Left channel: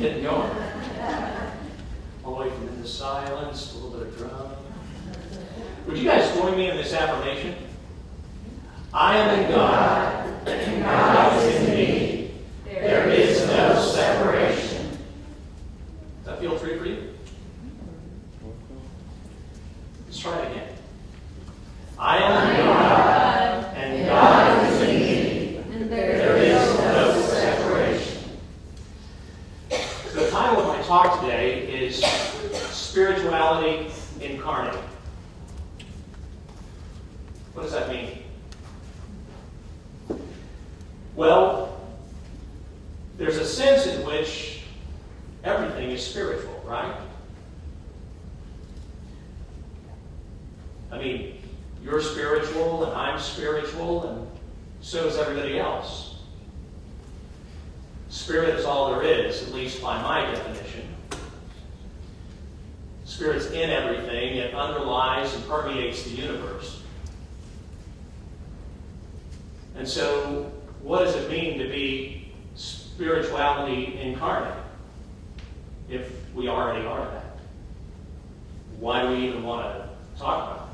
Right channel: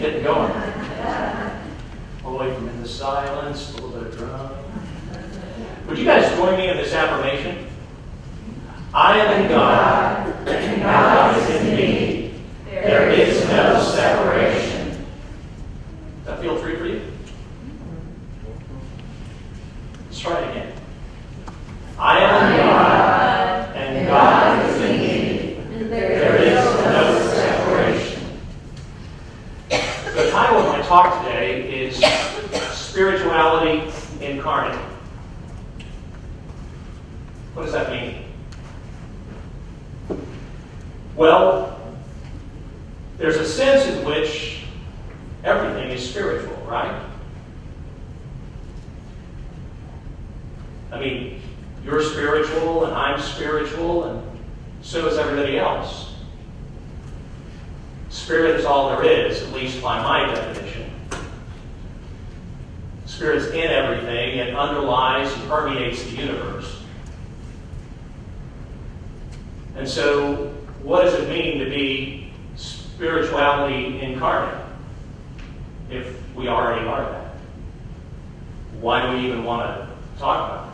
Getting going. All the way from in the silence, a little bit of drum. Would you guys join me in this affirmation? I am in God, and God is in me. There is no separation. Does that feel true for you? Let's try it again. I am in God, and God is in me. There is no separation. The title of my talk today is Spirituality Incarnate. What does that mean? Well, there's a sense in which everything is spiritual, right? I mean, you're spiritual and I'm spiritual and so is everybody else. Spirit is all there is, at least by my definition. Spirit's in everything. It underlies and permeates the universe. And so, what does it mean to be spirituality incarnate if we already are that? Why do we even want to talk about it?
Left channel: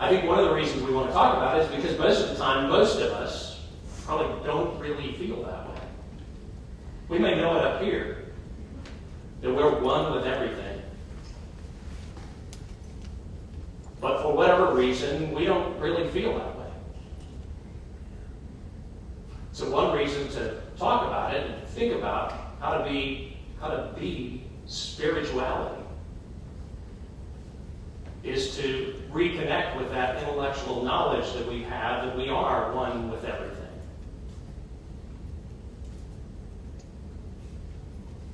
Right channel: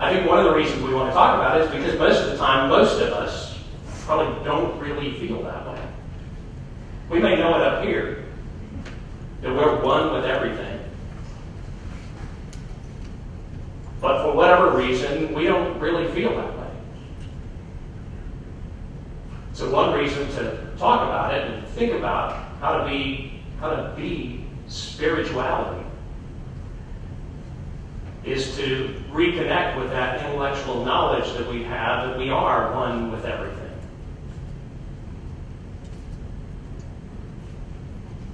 I think one of the reasons we want to talk about it is because most of the time, most of us probably don't really feel that way. We may know it up here, that we're one with everything. But for whatever reason, we don't really feel that way. So one reason to talk about it and think about how to be spirituality is to reconnect with that intellectual knowledge that we have, that we are one with everything.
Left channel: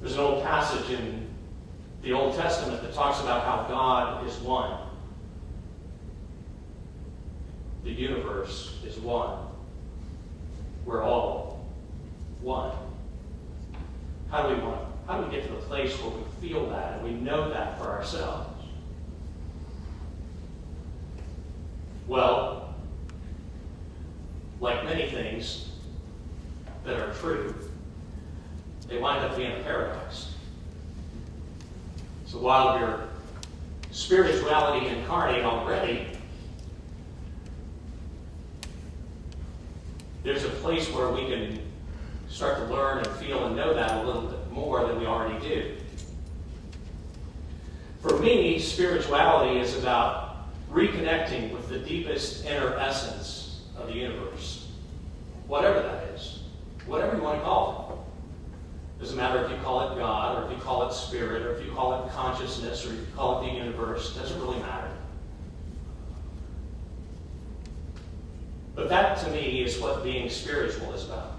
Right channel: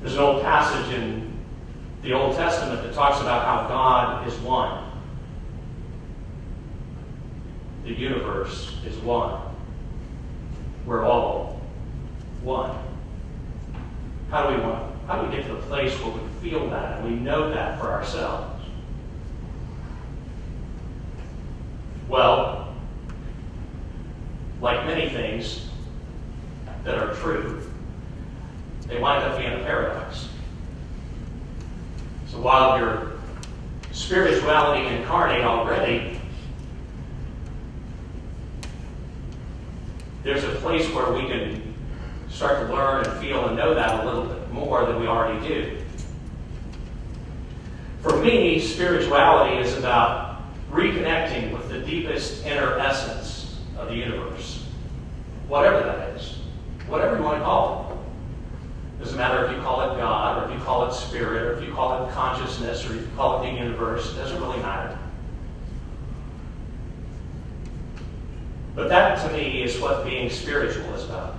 There's an old passage in the Old Testament that talks about how God is one. The universe is one. We're all one. How do we get to the place where we feel that and we know that for ourselves? Well, like many things that are true, they wind up being a paradox. So while you're spirituality incarnate already, there's a place where we can start to learn and feel and know that a little bit more than we already do. For me, spirituality is about reconnecting with the deepest inner essence of the universe. Whatever that is. Whatever you want to call it. Doesn't matter if you call it God, or if you call it spirit, or if you call it consciousness, or if you call it the universe. It doesn't really matter. But that, to me, is what being spiritual is about.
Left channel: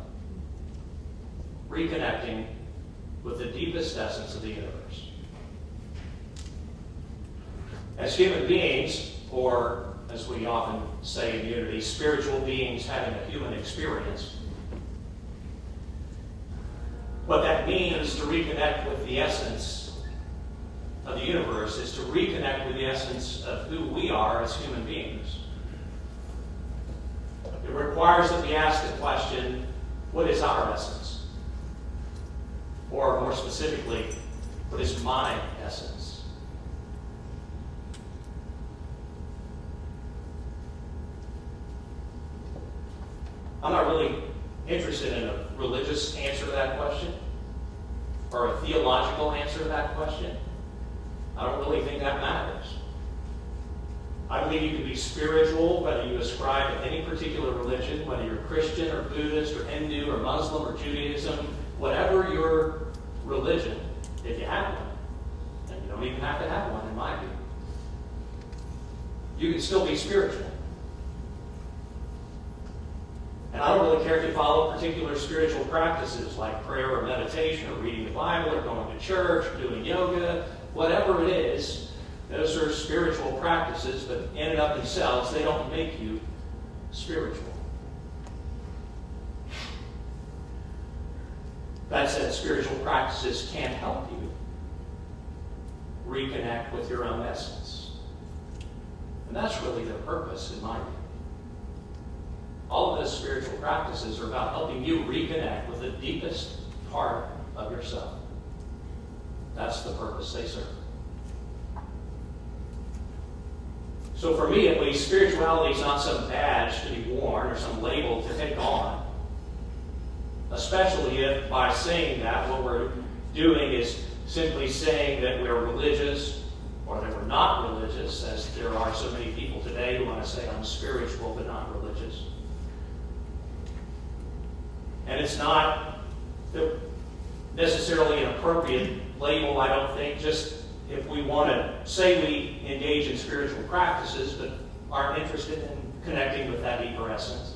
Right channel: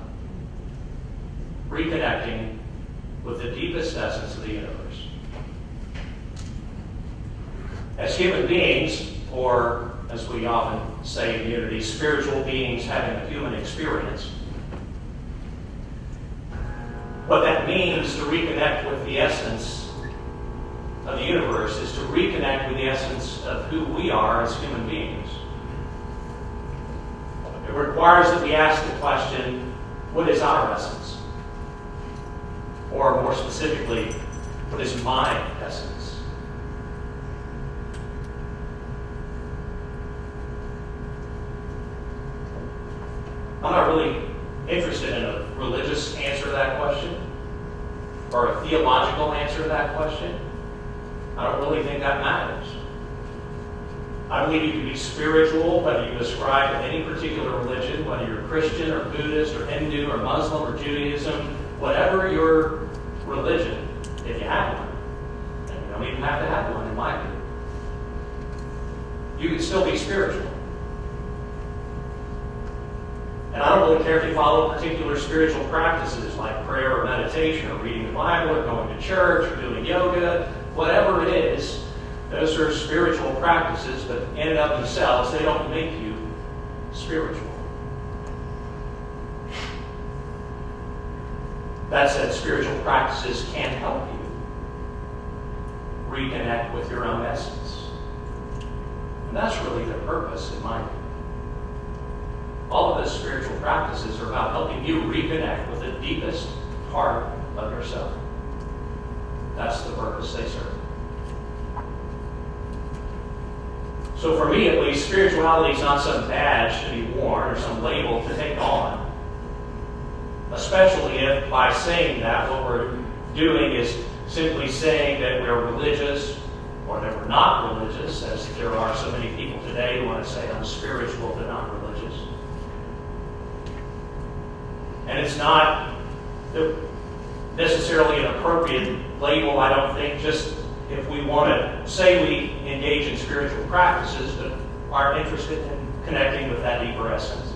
Reconnecting with the deepest essence of the universe. As human beings, or as we often say in unity, spiritual beings having a human experience, what that means to reconnect with the essence of the universe is to reconnect with the essence of who we are as human beings. It requires that we ask the question, what is our essence? Or more specifically, what is my essence? I'm not really interested in a religious answer to that question or a theological answer to that question. I don't really think that matters. I believe you can be spiritual, whether you ascribe to any particular religion, whether you're Christian or Buddhist or Hindu or Muslim or Judaism, whatever your religion, if you have one. And you don't even have to have one, in my view. You can still be spiritual. And I don't really care if you follow particular spiritual practices like prayer or meditation or reading the Bible or going to church or doing yoga, whatever it is. Those are spiritual practices, but in and of themselves, they don't make you spiritual. That said, spiritual practices can help you reconnect with your own essence. And that's really their purpose, in my view. All of his spiritual practices are about helping you reconnect with the deepest part of yourself. That's the purpose they serve. So for me, at least, spirituality is not some badge to be worn or some label to take on. Especially if by saying that, what we're doing is simply saying that we're religious or that we're not religious, as there are so many people today who want to say I'm spiritual but not religious. And it's not necessarily an appropriate label, I don't think, just if we want to say we engage in spiritual practices but aren't interested in connecting with that deeper essence.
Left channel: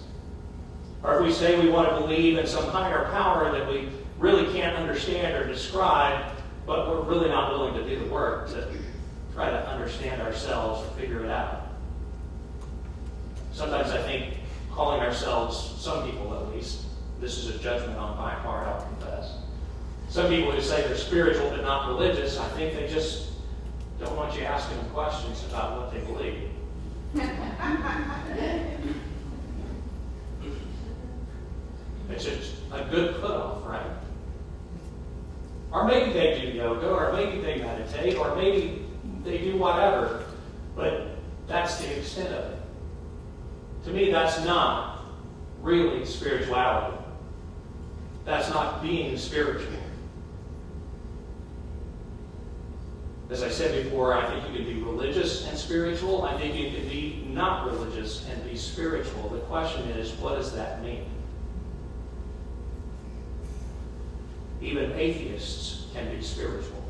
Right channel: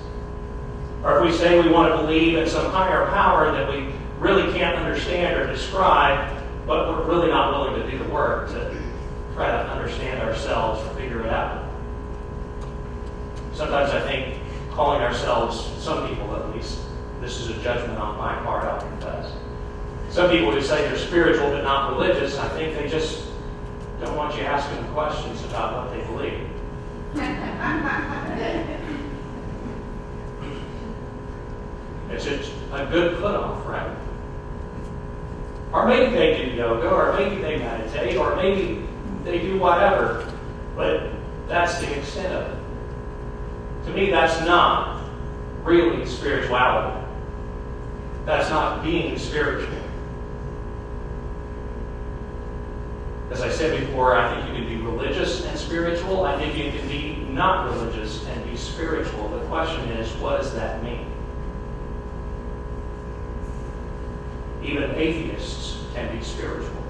Or if we say we want to believe in some higher power that we really can't understand or describe, but we're really not willing to do the work to try to understand ourselves or figure it out. Sometimes I think calling ourselves, some people at least, this is a judgment on my part, I'll confess. Some people who say they're spiritual but not religious, I think they just don't want you asking them questions about what they believe. It's just a good put-off, right? Or maybe they do yoga, or maybe they meditate, or maybe they do whatever, but that's the extent of it. To me, that's not really spirituality. That's not being spiritual. As I said before, I think you can be religious and spiritual. I think you can be not religious and be spiritual. The question is, what does that mean? Even atheists can be spiritual.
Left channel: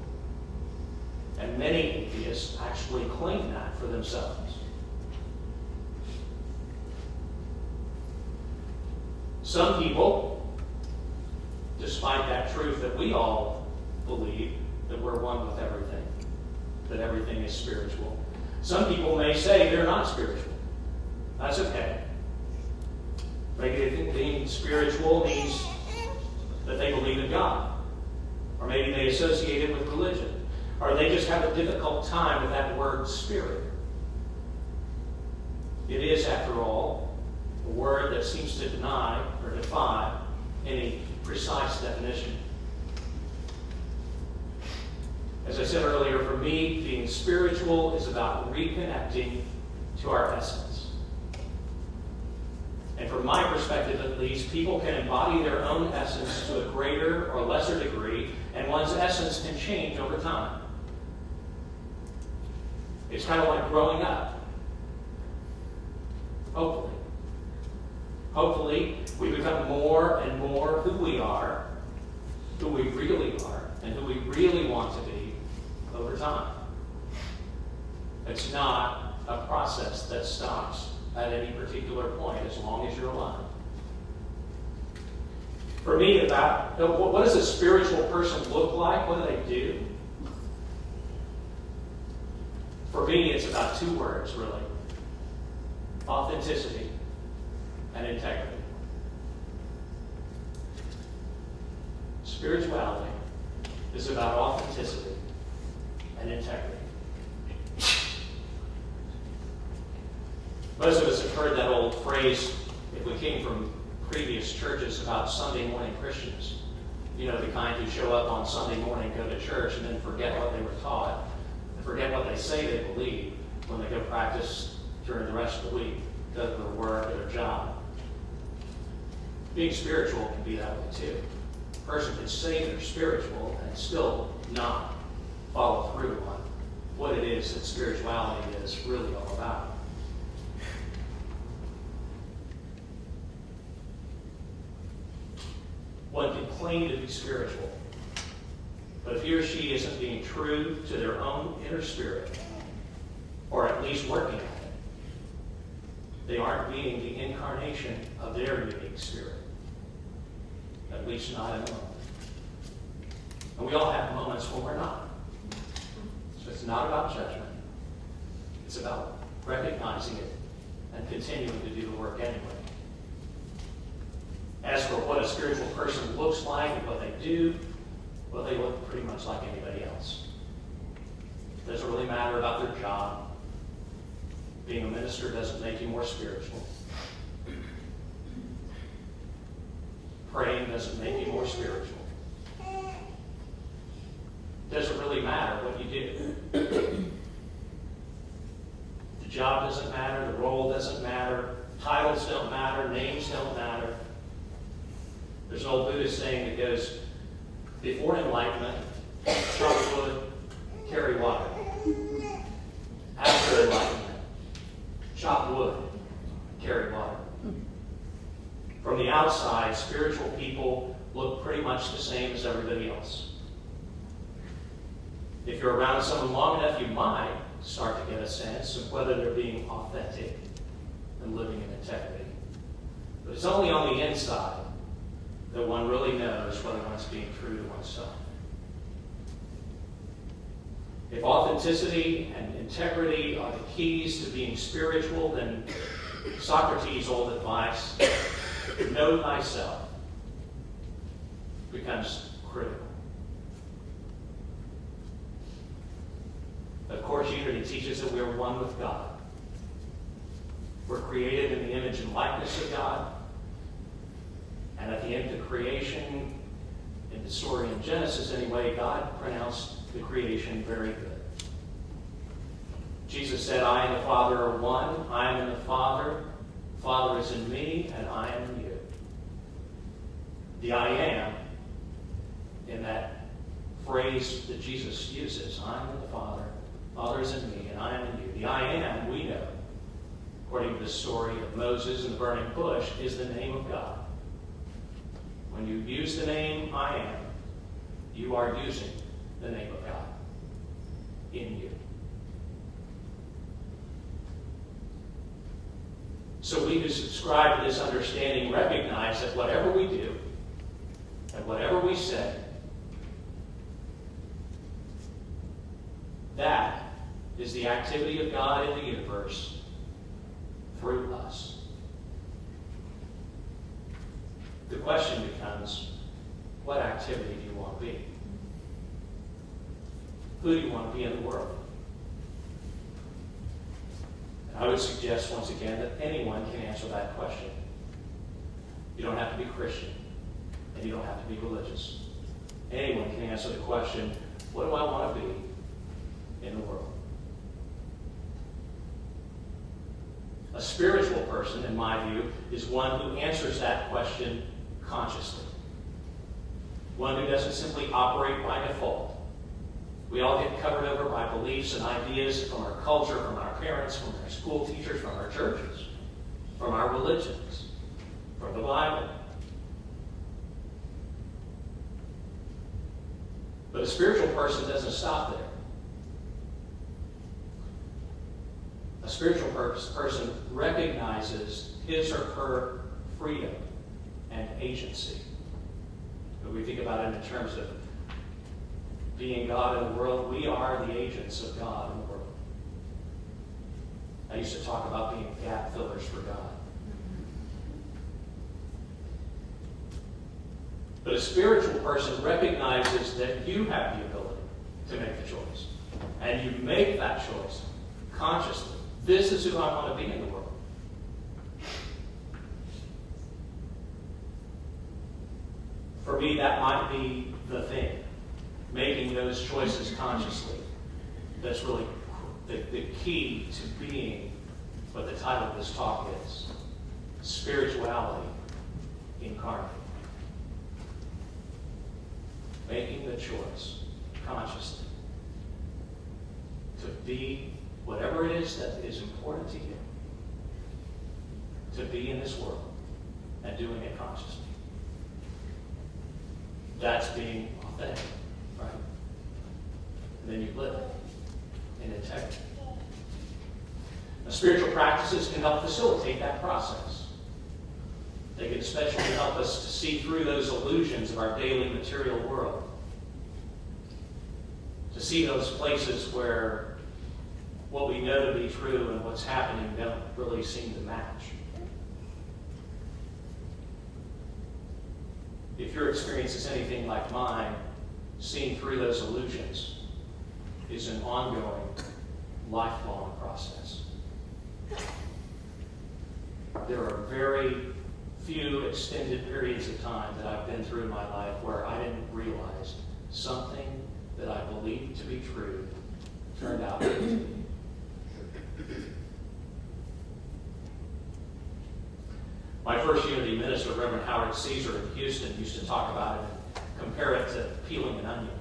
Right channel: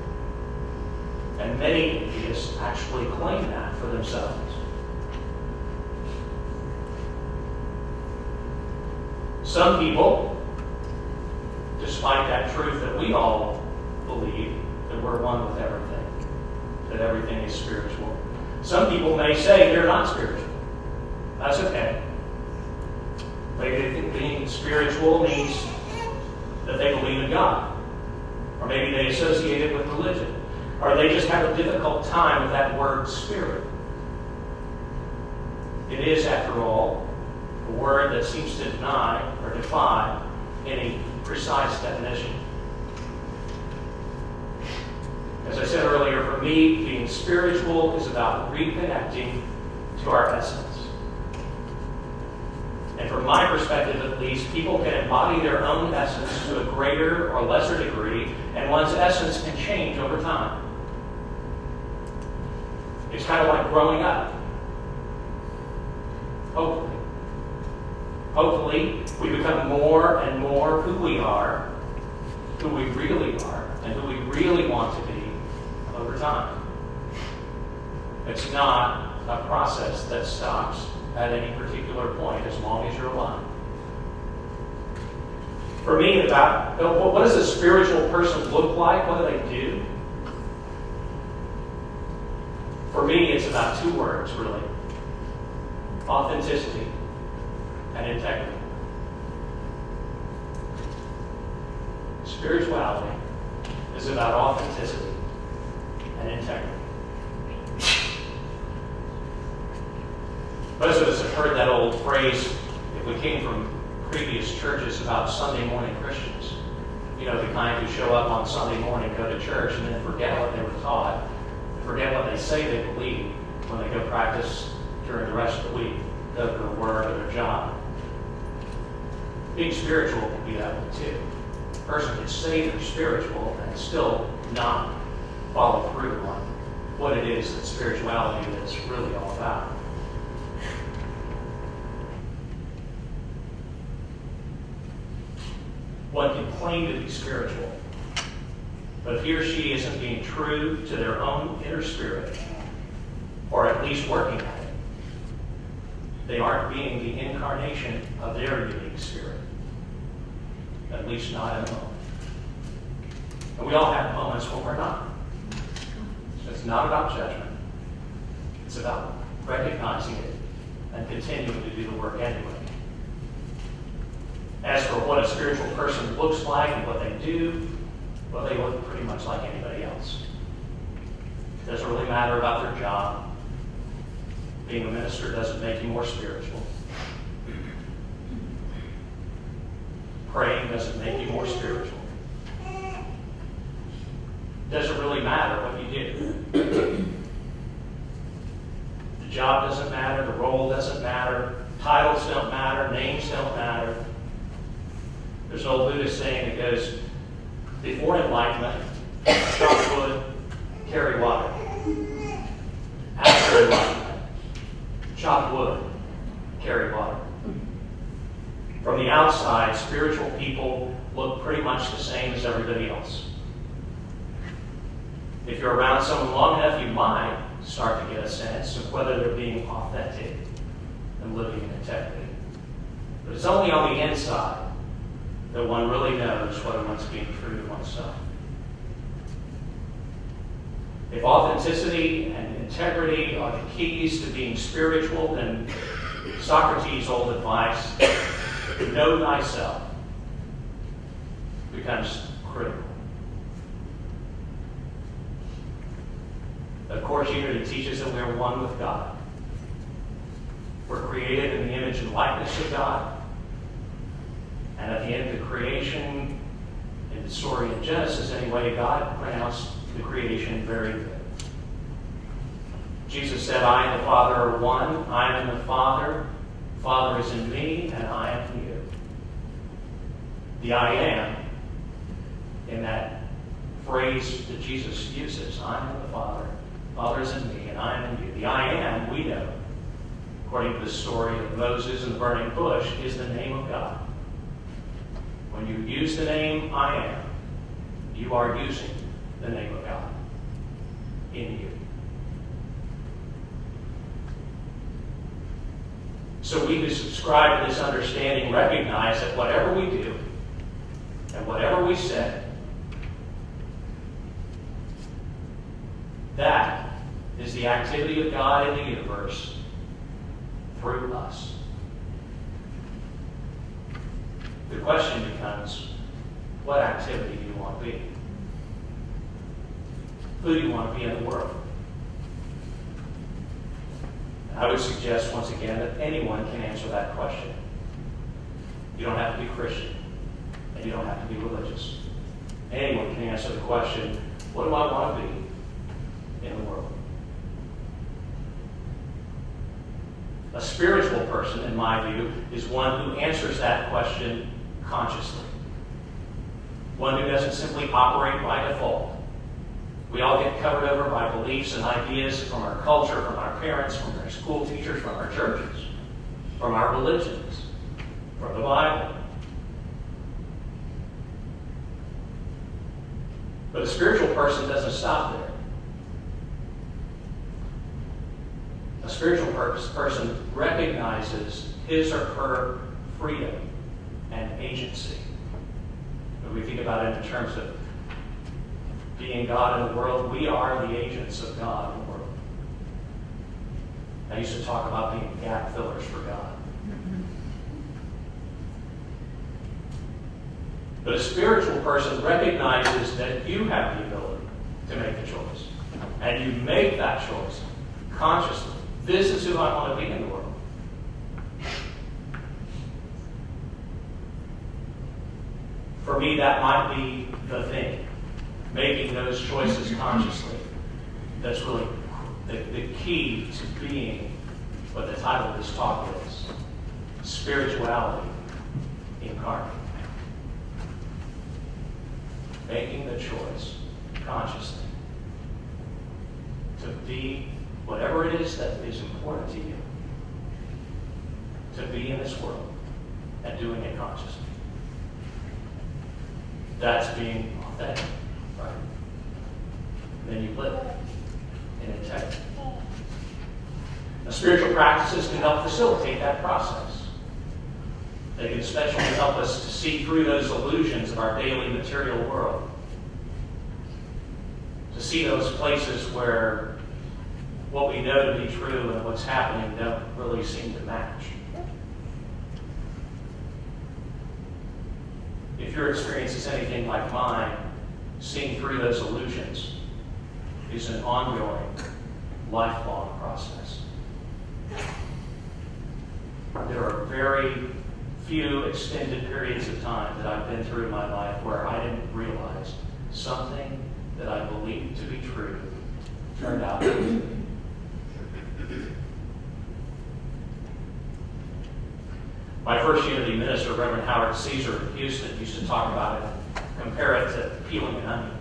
And many atheists actually claim that for themselves. Some people, despite that truth that we all believe, that we're one with everything, that everything is spiritual. Some people may say they're not spiritual. That's okay. Maybe they think being spiritual means that they believe in God. Or maybe they associate it with religion. Or they just have a difficult time with that word spirit. It is, after all, a word that seems to deny or defy any precise definition. As I said earlier, for me, being spiritual is about reconnecting to our essence. And from my perspective, at least, people can embody their own essence to a greater or lesser degree, and one's essence can change over time. It's kind of like growing up. Hopefully. Hopefully, we become more and more who we are, who we really are, and who we really want to be over time. It's not a process that stops at any particular point as long as you're alive. For me, what does a spiritual person look like? What do they do? For me, it's about two words, really. Authenticity and integrity. Spirituality is about authenticity and integrity. Most of us have heard that old phrase, if we came from previous churches, about Sunday morning Christians. You know, the kind who show up on Sunday morning, go to church, and then forget what they were taught, and forget what they say they believe when they go practice during the rest of the week, go to their work or their job. Being spiritual can be that way too. A person can say they're spiritual and still not follow through on what it is that spirituality is really all about. One can claim to be spiritual, but if he or she isn't being true to their own inner spirit, or at least working at it, they aren't being the incarnation of their unique spirit. At least not in a moment. And we all have moments when we're not. So it's not about judgment. It's about recognizing it and continuing to do the work anyway. As for what a spiritual person looks like and what they do, well, they look pretty much like anybody else. It doesn't really matter about their job. Being a minister doesn't make you more spiritual. Praying doesn't make you more spiritual. It doesn't really matter what you do. The job doesn't matter, the role doesn't matter, titles don't matter, names don't matter. There's an old Buddhist saying that goes, before enlightenment, chop wood, carry water. After enlightenment, chop wood, carry water. From the outside, spiritual people look pretty much the same as everybody else. If you're around someone long enough, you might start to get a sense of whether they're being authentic and living in integrity. But it's only on the inside that one really knows whether one's being true to oneself. If authenticity and integrity are the keys to being spiritual, then Socrates' old advice, know thyself, becomes critical. Of course, unity teaches that we are one with God. We're created in the image and likeness of God. And at the end of the creation, in the story in Genesis anyway, God pronounced the creation very good. Jesus said, I and the Father are one. I am in the Father. The Father is in me, and I am in you. The I am, in that phrase that Jesus uses, I am in the Father. The Father is in me, and I am in you. The I am, we know, according to the story of Moses and the burning bush, is the name of God. When you use the name I am, you are using the name of God in you. So we who subscribe to this understanding recognize that whatever we do and whatever we say, that is the activity of God in the universe through us. The question becomes, what activity do you want to be? Who do you want to be in the world? I would suggest once again that anyone can answer that question. You don't have to be Christian, and you don't have to be religious. Anyone can answer the question, what do I want to be in the world? A spiritual person, in my view, is one who answers that question consciously. One who doesn't simply operate by default. We all get covered over by beliefs and ideas from our culture, from our parents, from our school teachers, from our churches, from our religions, from the Bible. But a spiritual person doesn't stop there. A spiritual person recognizes his or her freedom and agency. When we think about it in terms of being God in the world, we are the agents of God in the world. I used to talk about being gap fillers for God. But a spiritual person recognizes that you have the ability to make a choice. And you make that choice consciously. This is who I want to be in the world. For me, that might be the thing. Making those choices consciously. That's really the key to being what the title of this talk is. Spirituality Incarnate. Making the choice consciously to be whatever it is that is important to you. To be in this world and doing it consciously. That's being authentic. Right? And then you live in integrity. Now, spiritual practices can help facilitate that process. They can especially help us to see through those illusions of our daily material world. To see those places where what we know to be true and what's happening don't really seem to match. If your experience is anything like mine, seeing through those illusions is an ongoing, lifelong process. There are very few extended periods of time that I've been through in my life where I didn't realize something that I believed to be true turned out to be. My first unity minister, Reverend Howard Caesar in Houston, used to talk about it, compare it to peeling an onion.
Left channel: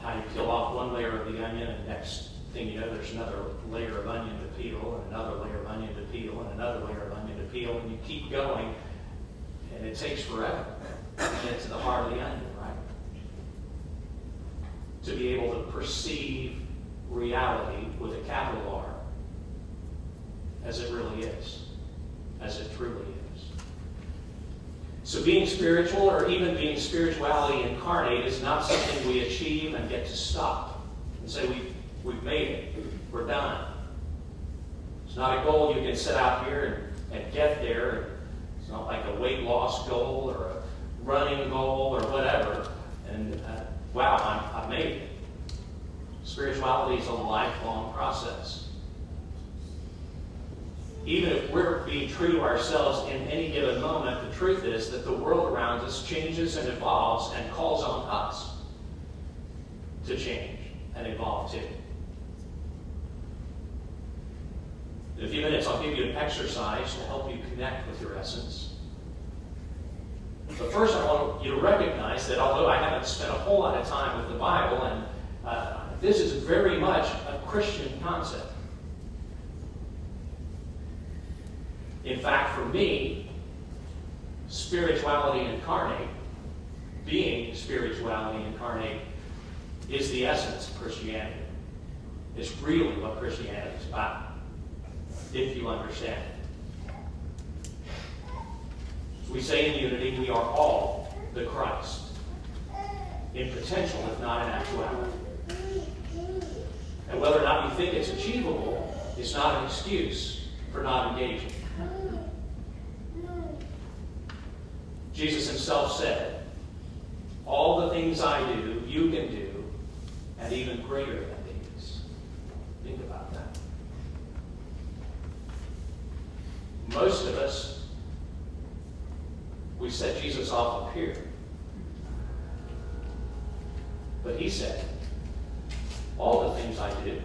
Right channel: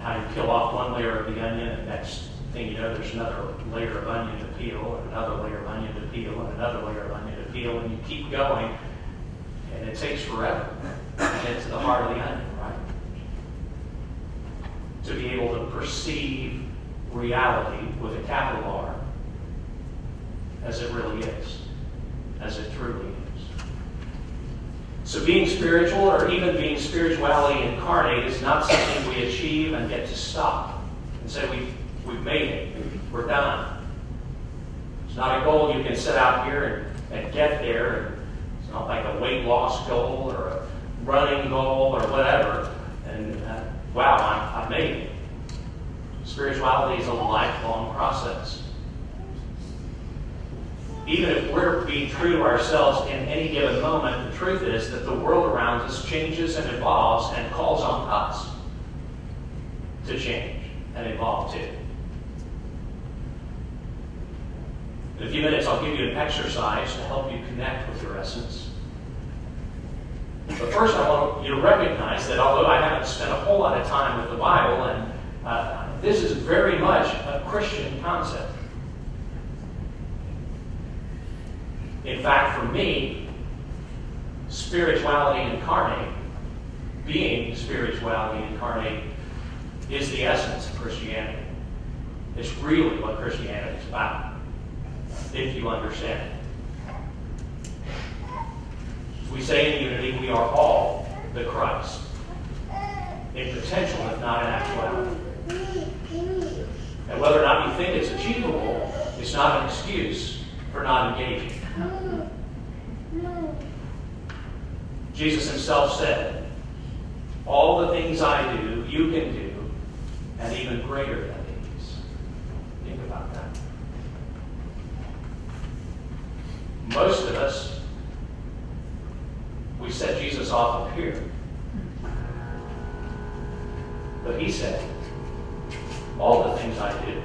How you peel off one layer of the onion, and next thing you know, there's another layer of onion to peel, and another layer of onion to peel, and another layer of onion to peel, and you keep going, and it takes forever to get to the heart of the onion, right? To be able to perceive reality with a capital R as it really is, as it truly is. So being spiritual, or even being spirituality incarnate, is not something we achieve and get to stop and say we've made it, we're done. It's not a goal you can set out here and get there. It's not like a weight loss goal or a running goal or whatever. And wow, I've made it. Spirituality is a lifelong process. Even if we're being true to ourselves in any given moment, the truth is that the world around us changes and evolves and calls on us to change and evolve too. In a few minutes, I'll give you an exercise to help you connect with your essence. But first, I want you to recognize that although I haven't spent a whole lot of time with the Bible, and this is very much a Christian concept. In fact, for me, spirituality incarnate, being spirituality incarnate, is the essence of Christianity. It's really what Christianity is about, if you understand it. As we say in unity, we are all the Christ, in potential, if not in actuality. And whether or not you think it's achievable, it's not an excuse for not engaging. Jesus himself said, all the things I do, you can do, and even greater than these. Think about that. Most of us, we set Jesus off up here. But he said, all the things I do,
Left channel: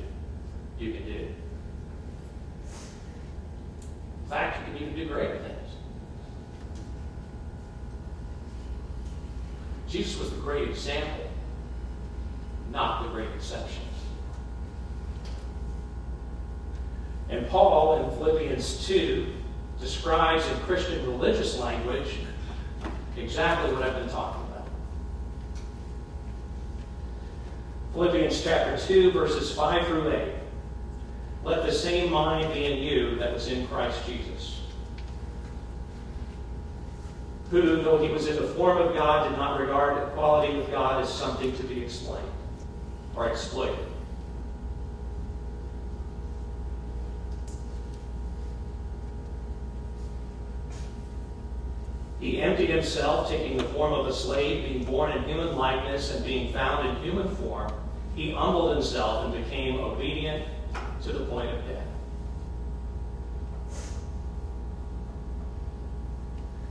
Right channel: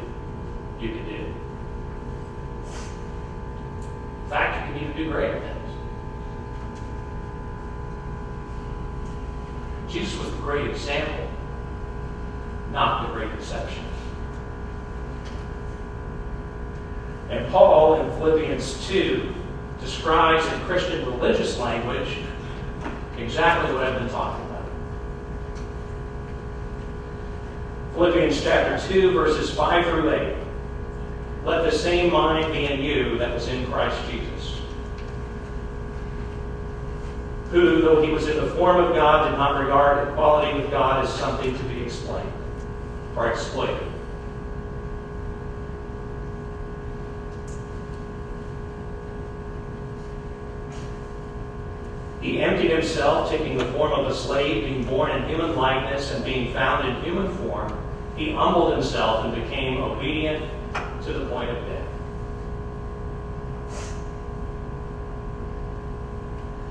you can do. In fact, you can even do greater things. Jesus was the great example, not the great exception. And Paul in Philippians 2 describes in Christian religious language exactly what I've been talking about. Philippians chapter 2, verses 5 through 8. Let the same mind be in you that was in Christ Jesus, who, though he was in the form of God, did not regard equality with God as something to be explained or exploited. He emptied himself, taking the form of a slave, being born in human likeness, and being found in human form. He humbled himself and became obedient to the point of death.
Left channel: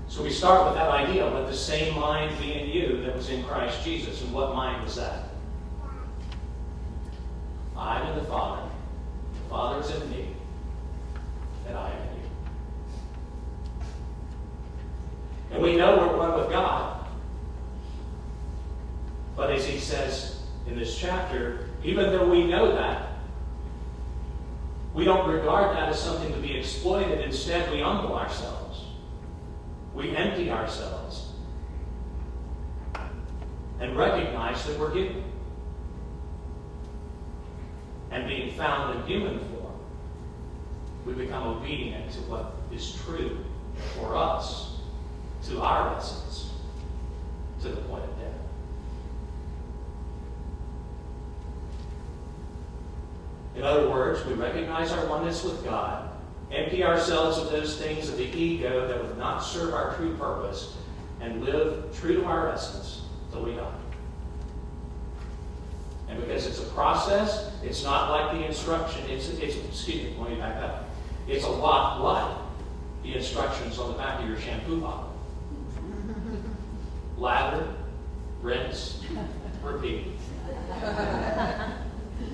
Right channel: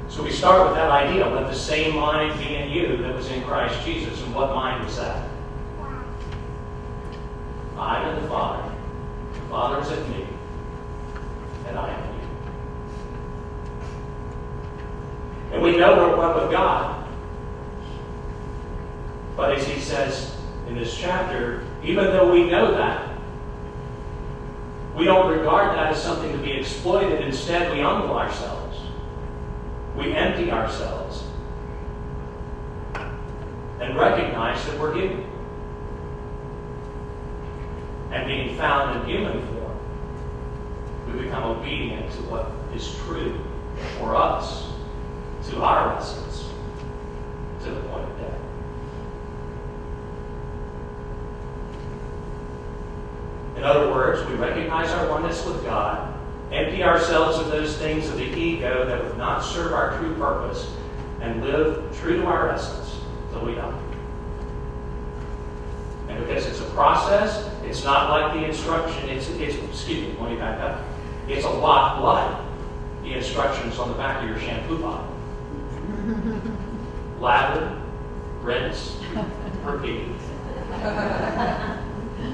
So we start with that idea, let the same mind be in you that was in Christ Jesus. And what mind was that? I am in the Father is in me, and I am in you. And we know we're one with God. But as he says in this chapter, even though we know that, we don't regard that as something to be exploited. Instead, we humble ourselves. We empty ourselves and recognize that we're human. And being found in human form, we become obedient to what is true for us, to our essence, to the point of death. In other words, we recognize our oneness with God, empty ourselves of those things of the ego that would not serve our true purpose, and live true to our essence till we die. And because it's a process, it's not like the instruction. Excuse me, let me back up. It's a lot like the instructions on the back of your shampoo bottle. Lather, rinse, repeat.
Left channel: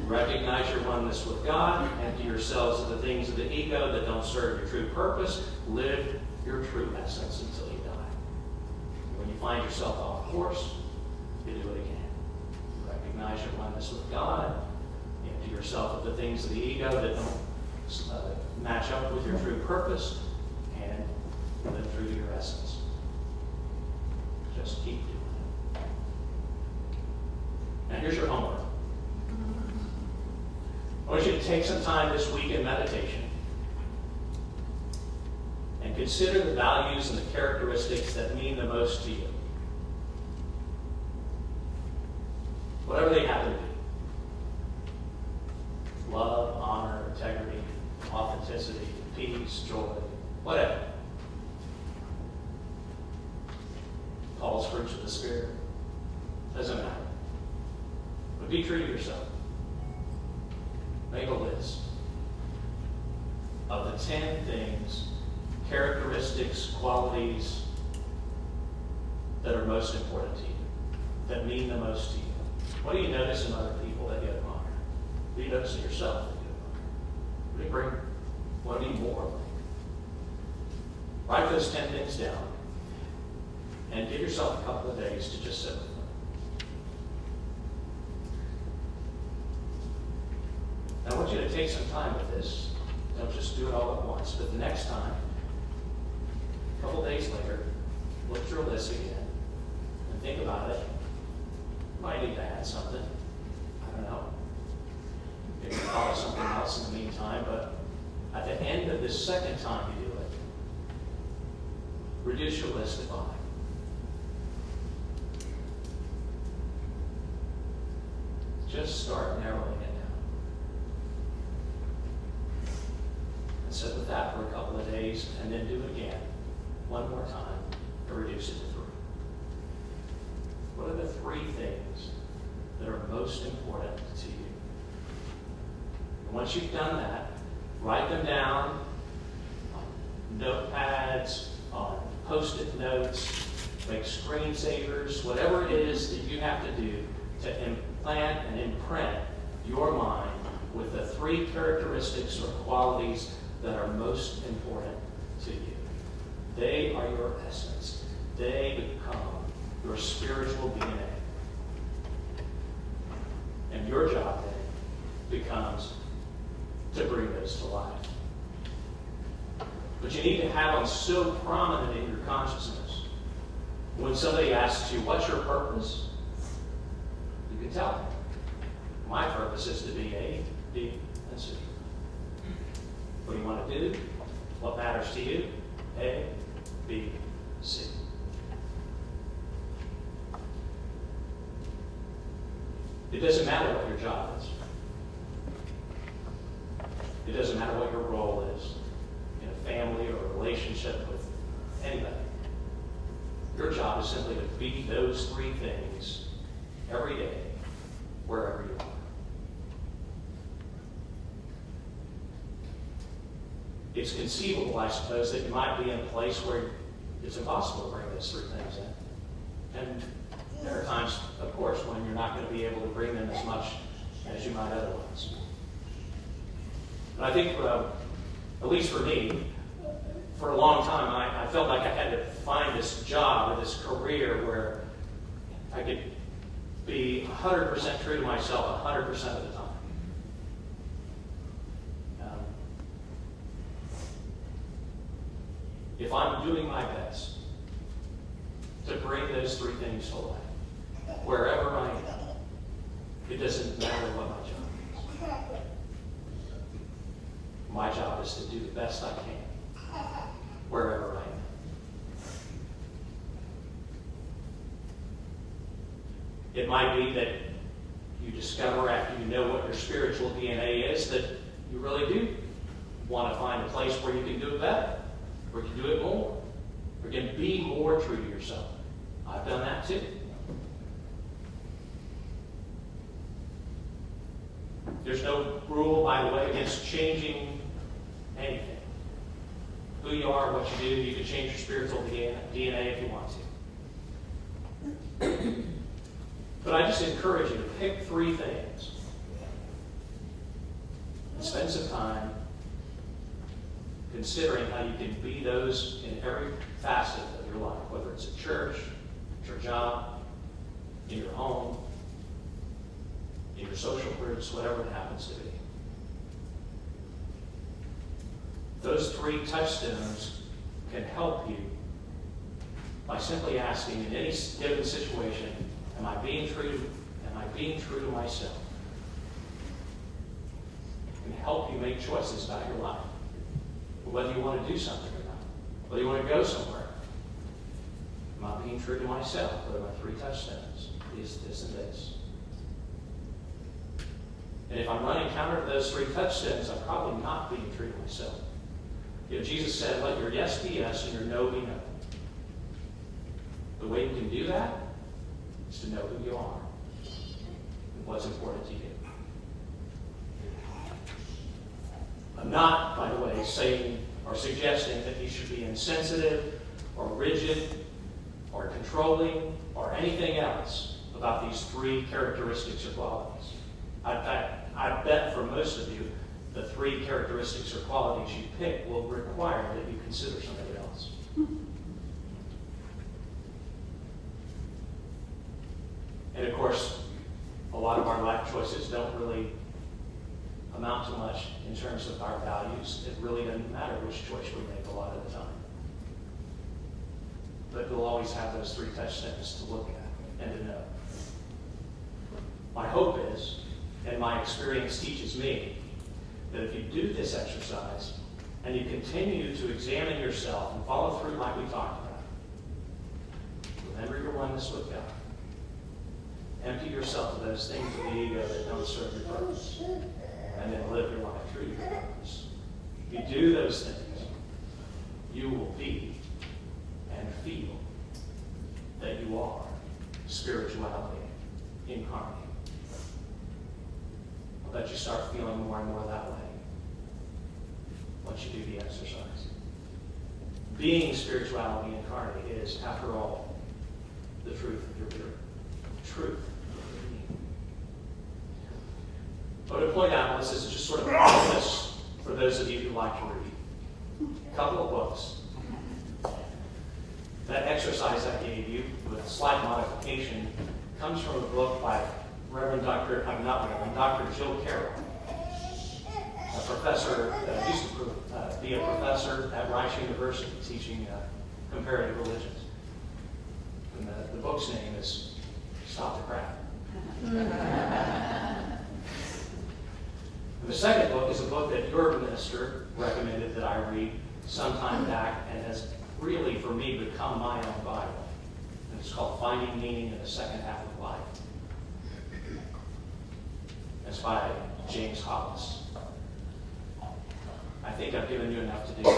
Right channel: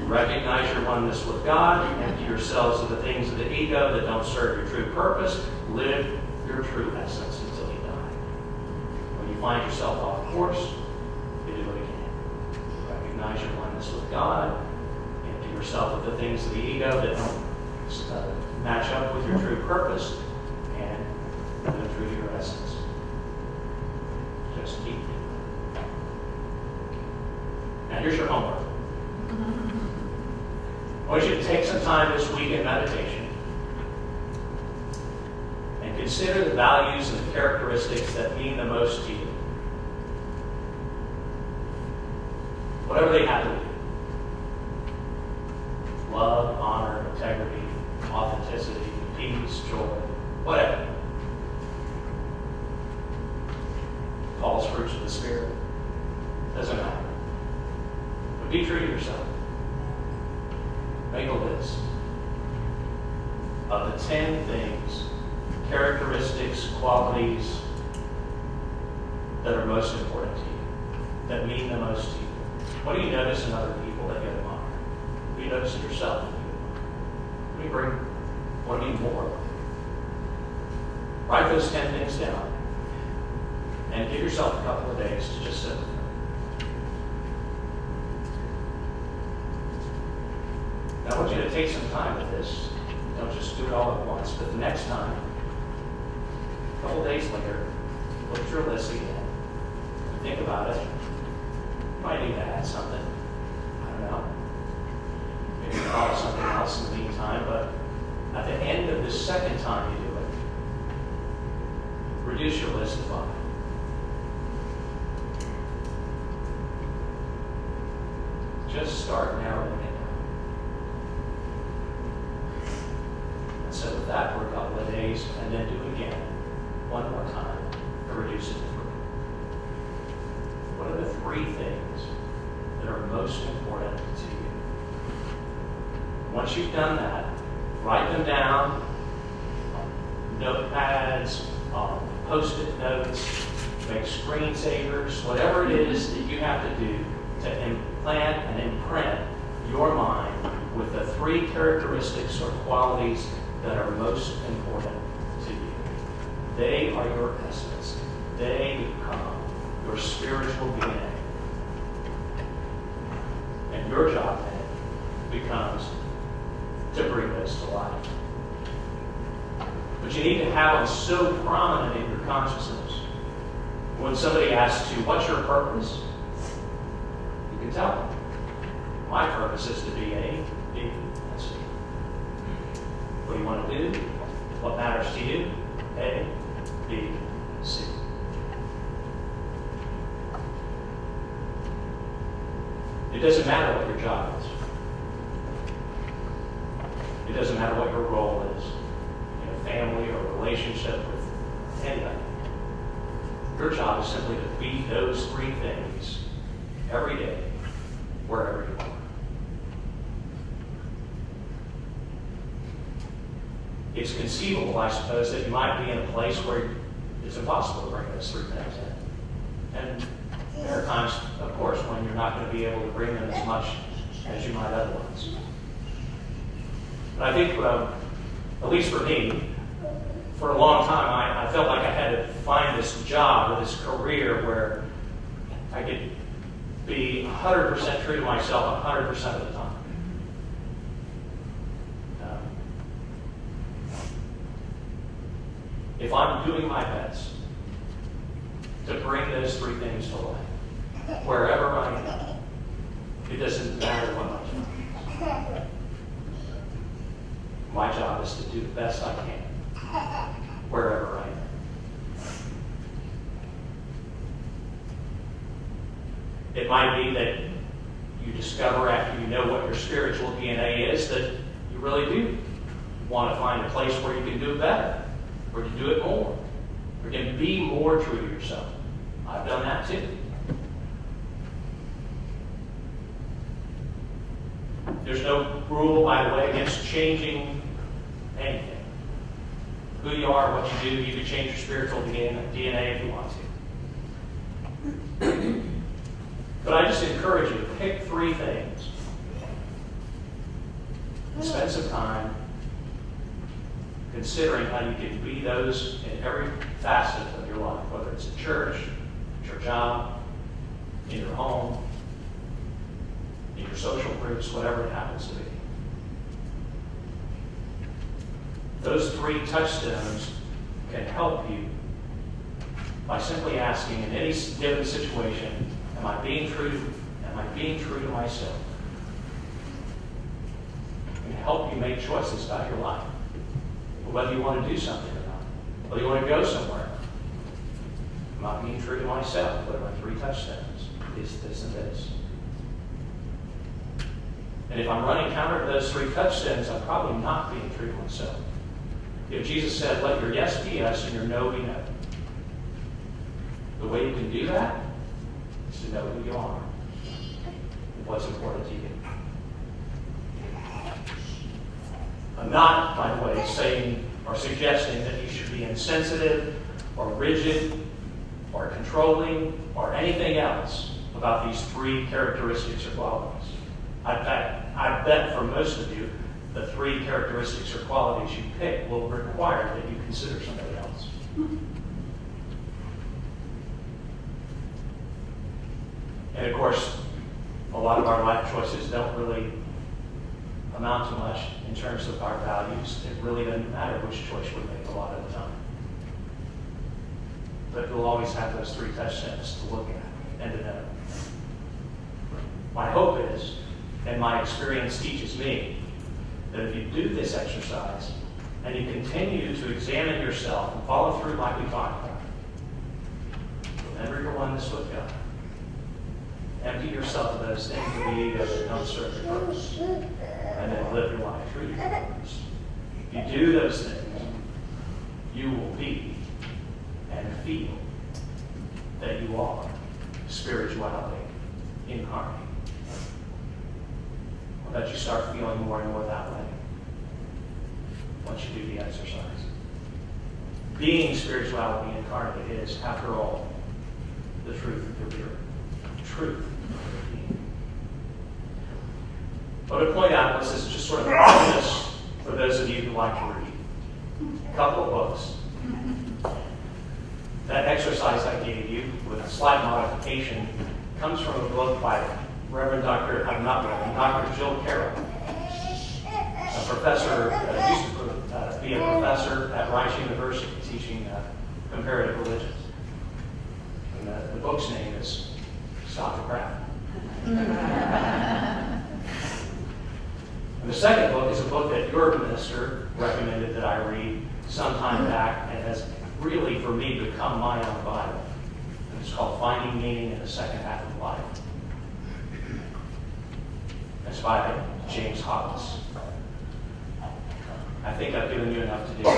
Recognize your oneness with God. Empty yourselves of the things of the ego that don't serve your true purpose. Live your true essence until you die. When you find yourself off course, you do it again. Recognize your oneness with God. Empty yourself of the things of the ego that don't match up with your true purpose, and live true to your essence. Just keep doing it. Now here's your homework. I want you to take some time this week in meditation and consider the values and the characteristics that mean the most to you. Whatever they happen to be. Love, honor, integrity, authenticity, peace, joy, whatever. Paul's fruits of the Spirit. Doesn't matter. But be true to yourself. Make a list of the 10 things, characteristics, qualities that are most important to you, that mean the most to you. What do you notice in other people that you admire? What do you notice in yourself that you admire? What do you more? Write those 10 things down and give yourself a couple of days to just sit with them. I want you to take some time with this. Don't just do it all at once. But the next time, a couple days later, look at your list again and think about it. You might need to add something. I don't know. Maybe follow something else in the meantime. But at the end of the second time you do it, reduce your list to 5. Just start narrowing it down. Sit with that for a couple of days and then do it again one more time to reduce it to 3. What are the 3 things that are most important to you? Once you've done that, write them down on notepads, on post-it notes, make screensavers, whatever it is that you have to do to implant and imprint your mind with the 3 characteristics or qualities that are most important to you. They are your essence. They become your spiritual DNA. And your job then becomes to bring those to life. But you need to have them so prominent in your consciousness. When somebody asks you, what's your purpose? You can tell them. My purpose is to be A, B, and C. What do you want to do? What matters to you? A, B, C. It doesn't matter what your job is. It doesn't matter what your role is in a family or a relationship with anybody. Your job is simply to be those 3 things every day, wherever you are. It's conceivable, I suppose, that you might be in a place where it's impossible to bring those 3 things in. And there are times, of course, when you're not going to be able to bring them as much as you might otherwise. But I think, at least for me, for a long time, I felt like I had to find this job or this career where I could be 100% true to myself 100% of the time. If I'm doing my best to bring those 3 things to life, wherever I am, it doesn't matter what my job is. My job is to do the best I can, wherever I am. It might be that you discover after you know what your spiritual DNA is that you really do want to find a place where you can do it better. Or can do it more. Or can be more true to yourself. I've done that too. There's no rule, by the way, against changing anything. who you are, what you do. You can change your spiritual DNA if you want to. But I just encourage you to pick 3 things and spend some time considering how you can be those in every facet of your life, whether it's at church, at your job, in your home, in your social groups, whatever it happens to be. Those 3 touchstones can help you by simply asking in any given situation, am I being true to myself? It can help you make choices about your life. Whether you want to do something or not. Whether you want to go somewhere. Am I being true to myself? What are my 3 touchstones? This, and this. And if I'm running counter to those 3 touchstones, I'm probably not being true to myself. Jesus said, let your yes be yes and your no be no. The way you can do that is to know who you are and what's important to you. I'm not, by the way, saying or suggesting that you should be insensitive or rigid or controlling or anything else about these 3 characteristics or qualities. I bet for most of you, the 3 characteristics or qualities you pick will require that you consider somebody else. And of course, a lot of our life choices don't really amount to much in terms of our values. It really doesn't matter which choice we make a lot of the time. But we'll always have those 3 touchstones to look at and to know. My hope is, and my experience teaches me, that if you do this exercise and you continue to examine yourself and follow through like we talked about, remember your oneness with God. Empty yourself of those things of the ego that don't serve your purpose. And then live your life through your purpose. If you do those things, you will be and feel that you are spirituality incarnate. I'll let you start feeling more and more that way once you do the exercise. Being spirituality incarnate is, after all, the truth of your being. Truth of your being. I want to point out, this is just sort of a bonus for those of you who like to read. A couple of books. That exercise I gave you, with a slight modification, comes from a book by Dr. Jill Carroll, a professor, used to be a professor at Rice University teaching comparative religions. And the book's name is Stop the Crap. And the second book is a book that your minister recommended that I read some time back, and has really, for me, become my own Bible. And it's called Finding Meaning in the Second Half of Life. It's by James Hollis. I think I've given you enough to do.